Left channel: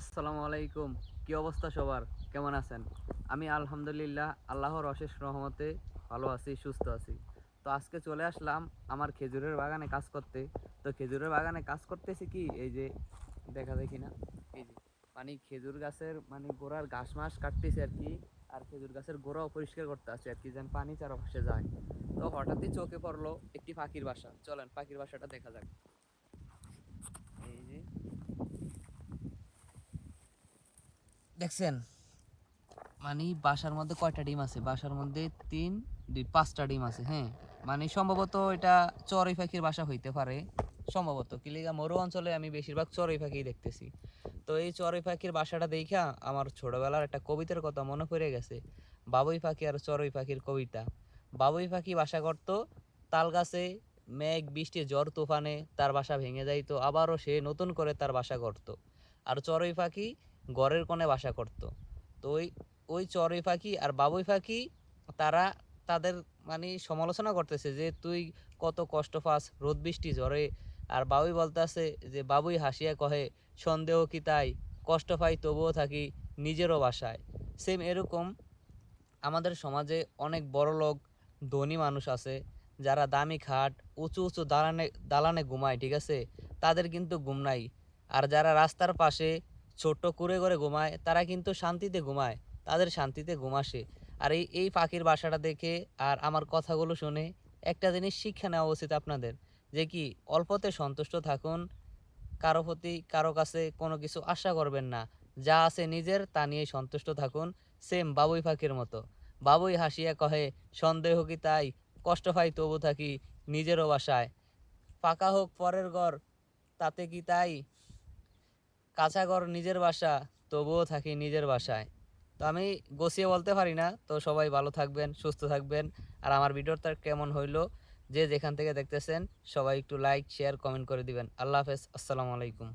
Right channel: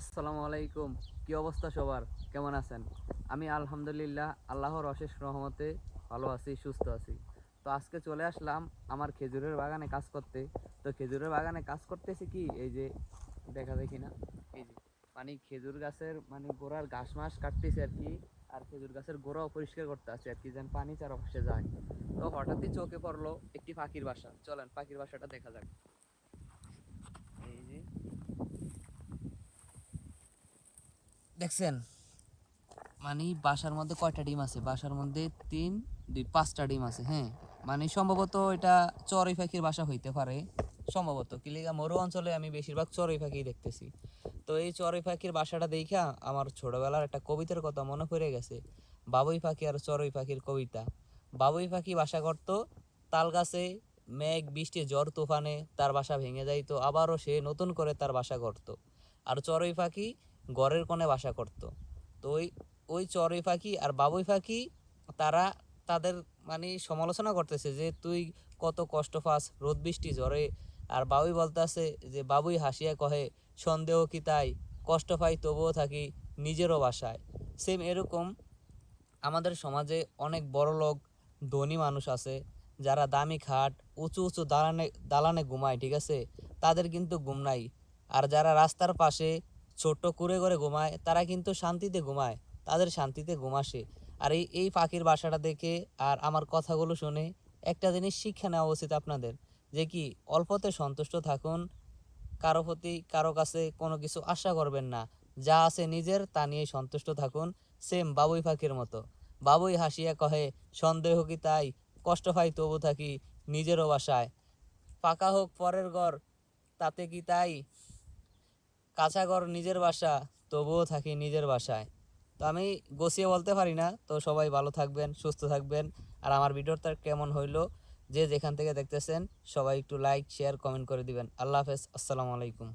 আসসালামু আলাইকুম। কি অবস্থা সবার? কেমন আছেন? আমি আলহামদুলিল্লাহ আল্লাহর অশেষ রহমতে ভালো আছি, সুস্থ আছি। তো আজকে চলে আসলাম আমার খেজুরের বাগানে কাজ করতে। তো খেজুরের বাগানে কাজ করতেছি কি এই যে দেখা দেখি না এই যে খেজুর গাছের গোড়ার ঘাস মাস কাটতেছি আর কি। আর খেজুর গাছের গোড়াও পরিষ্কার করতে আছে আর কি, যেন পানি চারপাশে যায়। তো হঠাৎই চোখে পড়লো একটি পাখির বাসা। চলেন পাখির বাসাটা দেখা যাক। এই যে দেখছেন বাসার মধ্যে কয়টা ডিম আছে? বাসার মধ্যে তিন দুই পাঁচটা ডিম আছে। হ্যাঁ, সম্ভবত এটা চড়ুই পাখির বাসা হইতে পারে সম্ভবত। কিলিগা মরু অঞ্চলে আমি বেশিরভাগ চড়ুই পাখি দেখতেছি। তো এই চড়ুই পাখির বাসাটা দেখা আমার ছোটবেলার একটা কবিতার কথা মনে পড়ে গেছে। বাবুই পাখি আর চড়ুই পাখির কবিতা। বাবুই পাখি বাসা করত তাল গাছে, মেঘ বৃষ্টি ঝড় তুফানে তার বাসা ভেঙে যাইতো, আবারও সে নতুন করে তার বাসা করত। আর চড়ুই পাখি ঘরের কোণে বাসা করত। তো ওই ওই চড়ুই পাখি আর বাবুই পাখি তারা তাদের সমালোচনা করতেছে যে তুই কত কষ্ট পাস রোদ বৃষ্টি ঝড়ে। আর বাবুই বলতেছে যে বাবুই হাসিয়া কহে সন্দেহ কি তাই, কষ্ট পাই তবুও থাকি নিজেরও বাসায়। সেম এরকম আমাদের সমাজে অনেক বড় লোক ধনী মানুষ আছে যারা দামি খাট উঁচু উঁচু দালানে দালানে ঘুমায়, ঠিক আছে, তাদের কিন্তু ঘুম নাই। আর যারা রাস্তার পাশে ছোট্ট কুড়ে করে ঘুমায় তারা কিন্তু শান্তিতে ঘুমায়, তাদের শান্তিতে ঘুম আসে। আর এই পাখির বাসাটা দেখে আর আমার কথাগুলো শুনে একটা জিনিস শিক্ষা নেওয়া উচিত আপনাদের, যে কি অল্পতে সন্তুষ্ট থাকুন, কারো প্রতি কারো কাছে কোনো কিছু আশা করবেন না, যা আছে নিজের তা নিয়ে সন্তুষ্ট থাকুন। সেম বাবুই পাখির মতো। বাবুই হাসিয়া কহে সন্দেহ কি তাই, কষ্ট পাই তবু থাকি নিজেরও বাসায়। পাকা হোক পরের ঘর তাতে কি তাই, কাঁচা ঘর নিজের বাসা তবুও থাকি নিজের বাসায়। তো আমি গুছিয়ে বলতে পারি না। তো সবাই ভালো থাকবেন, সুস্থ থাকবেন। আর আমার ভিডিওটা কেমন হইলো, যে যেখান থেকে দেখতেছেন সবাই একটু লাইক শেয়ার কমেন্ট করে দিবেন। আল্লাহ হাফেজ, আসসালামু আলাইকুম।